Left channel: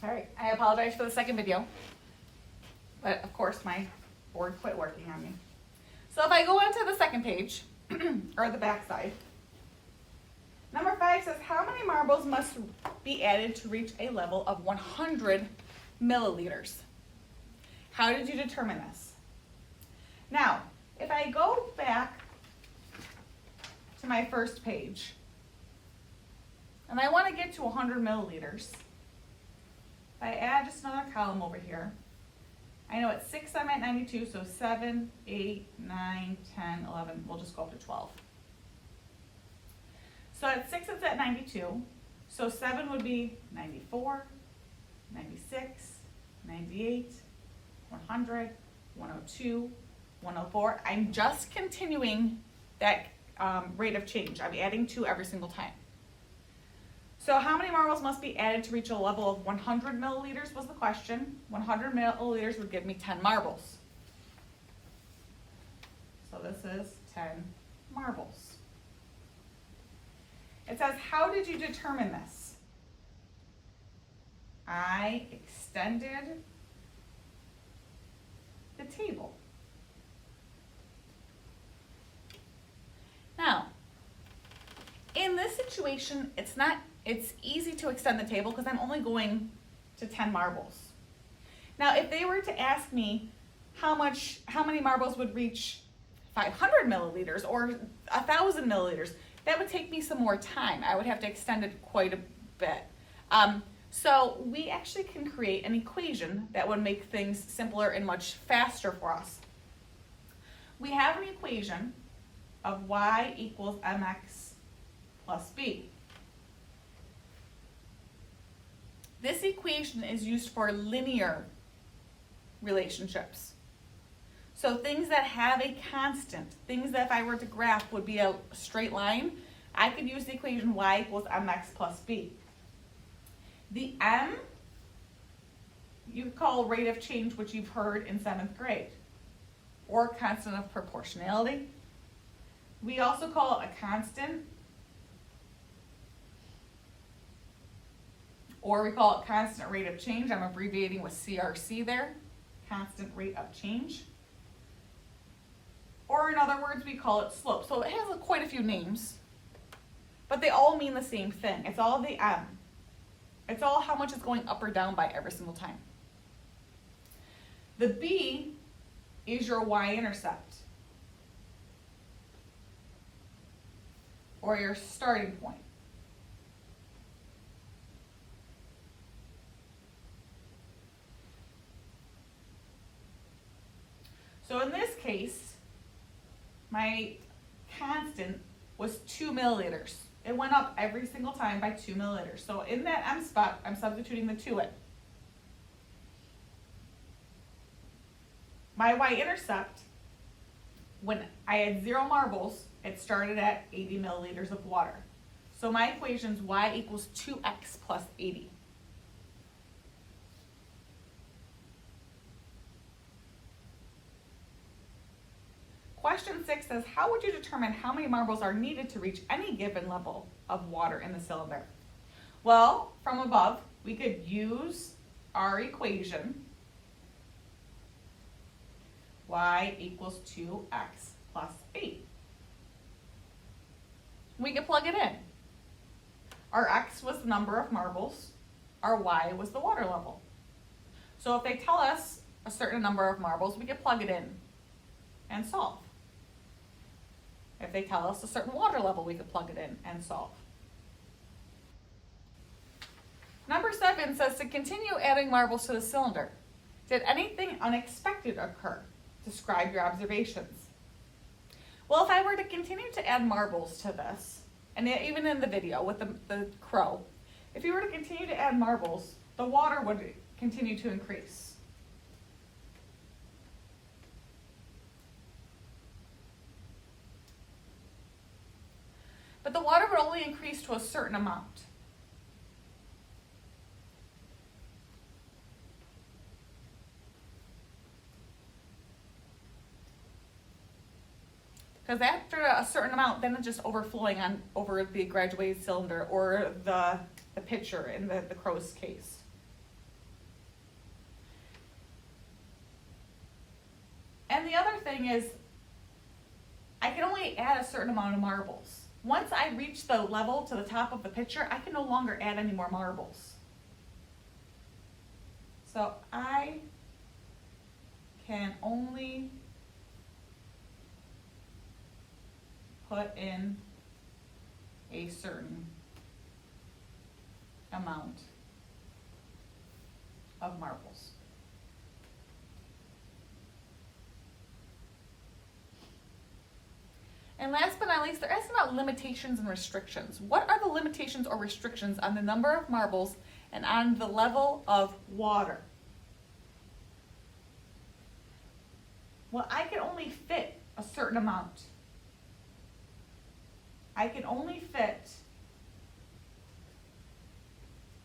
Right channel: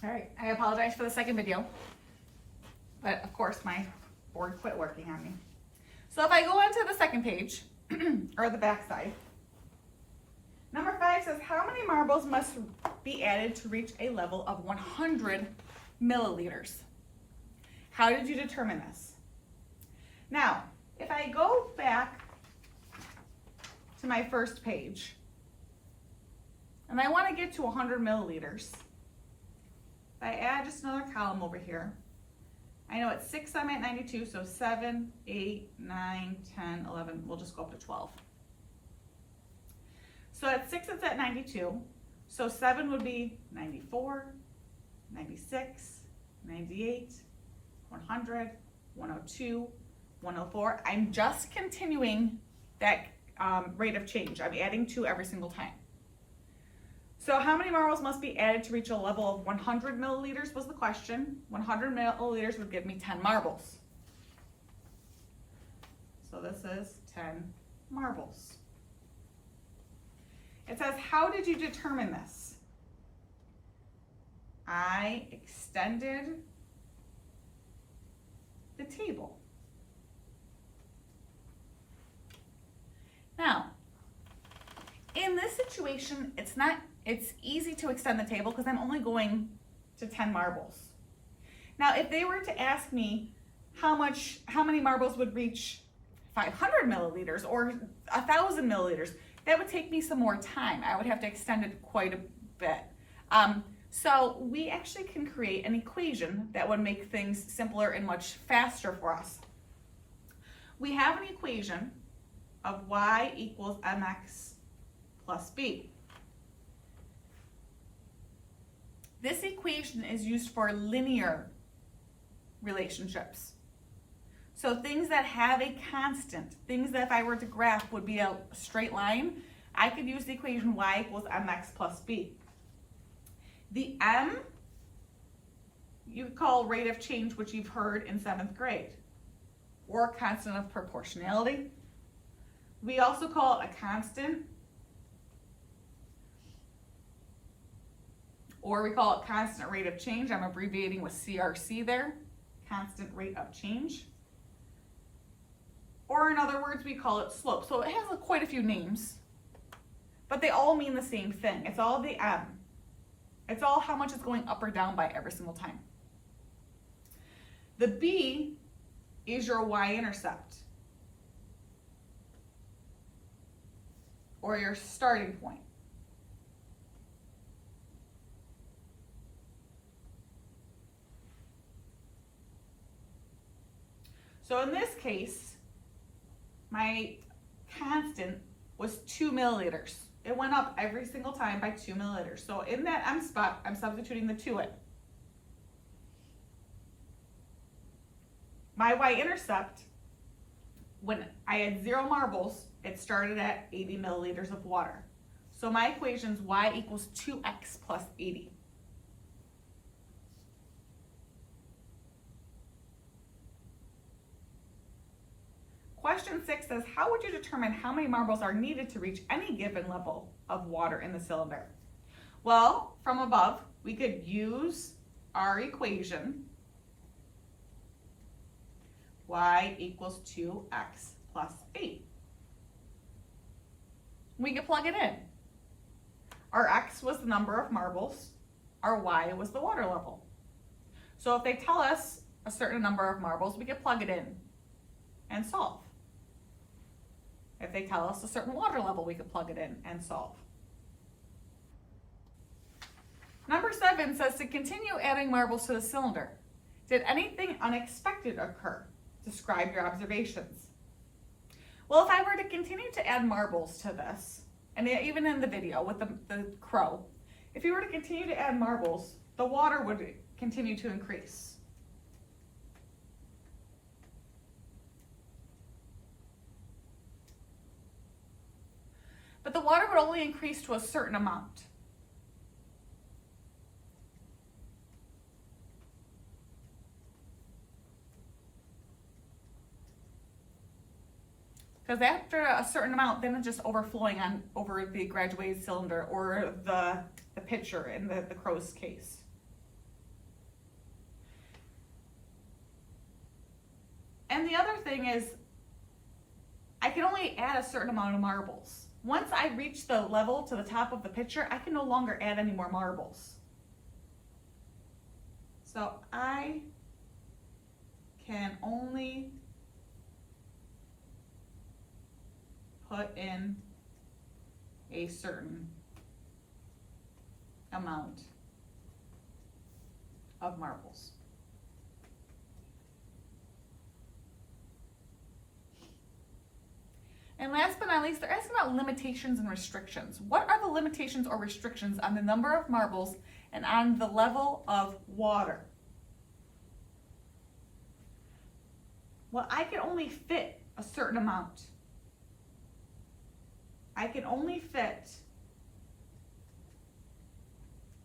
All right, I apologize for the second video, but of course my board quit working on me. So if I go onto the second page, or the back side, number 5 says, how many marbles must be added to reach a level of 100 milliliters? How did you determine this? Now, if I go back to my first page, and I want to get to 100 milliliters, if I add just another column over here, I know at 6 I'm at 92, so 7, 8, 9, 10, 11, we'll just go up to 12. So at 6 it's at 92, so 7 would be 94, 96, 98, 100, 102, 104. I'm just continuing that rate of change. I'm adding 2 every single time. So how many marbles must be added to reach a level of 100 milliliters was the question. 100 milliliters would give me 10 marbles. So this is 10 marbles. It says, how did you determine this? I extended the table. Now, in this situation, it's easy to extend the table because I'm only going to 10 marbles. Now, if they were to ask me how many marbles would reach 500 milliliters or 1,000 milliliters, that would take me some more time. I would have to extend it quite a bit. So we actually can create an equation that would make things simpler and much faster for us. We have an equation of y equals mx plus b. This equation is used for linear relationships. So things that have a constant, things that if I were to graph would be a straight line, I could use the equation y equals mx plus b. The m, you could call rate of change, which you've heard in 7th grade, or constant of proportionality. We also call it a constant, or we call it constant rate of change. I'm abbreviating with CRC there, constant rate of change. Or in other words, we call it slope. So it has quite a few names, but they all mean the same thing. It's all the m. It's all how much it's going up or down by every single time. The b is your y-intercept, or your starting point. So in this case, my constant was 2 milliliters. It went up every single time by 2 milliliters. So in that m spot, I'm substituting the 2 in. My y-intercept, when I had 0 marbles, it started at 80 milliliters of water. So my equation is y equals 2x plus 80. Question 6 says, how would you determine how many marbles are needed to reach any given level of water in the cylinder? Well, from above, we could use our equation, y equals 2x plus 8. We could plug it in. Our x was the number of marbles, our y was the water level. So if they tell us a certain number of marbles, we could plug it in and solve. If they tell us a certain water level, we could plug it in and solve. Number 7 says to continue adding marbles to the cylinder. Did anything unexpected occur? Describe your observations. Well, if I were to continue to add marbles to this, and even in the video with the crow, if you were to continue to add marbles, the water would continue to increase. But the water would only increase to a certain amount. Because after a certain amount, then it's just overflowing over the graduated cylinder or the pitcher in the crow's case. thing is I can only add a certain amount of marbles. Once I reach the level to the top of the pitcher, I can no longer add any more marbles. So I can only put in a certain amount of marbles. And last but not least, they're asking about limitations and restrictions. What are the limitations or restrictions on the number of marbles and on the level of water? Well, I can only fit a certain amount. I can only fit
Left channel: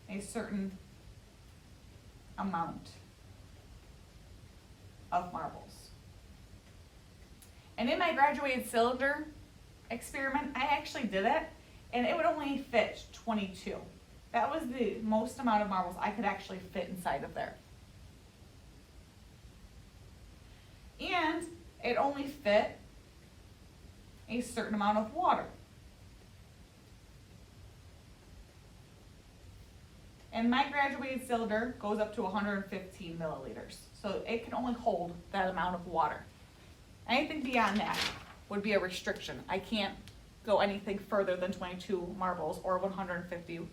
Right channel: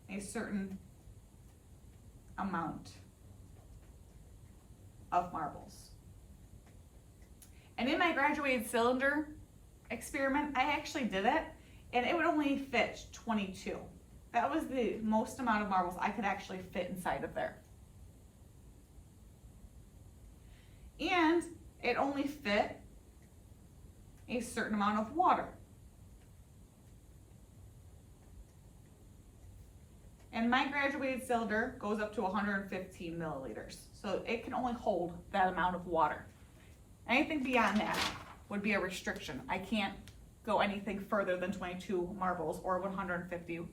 a certain amount of marbles. And in my graduated cylinder experiment, I actually did it, and it would only fit 22. That was the most amount of marbles I could actually fit inside of there. And it only fit a certain amount of water. And my graduated cylinder goes up to 115 milliliters. So it can only hold that amount of water. Anything beyond that would be a restriction. I can't go anything further than 22 marbles or 115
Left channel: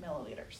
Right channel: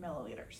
milliliters.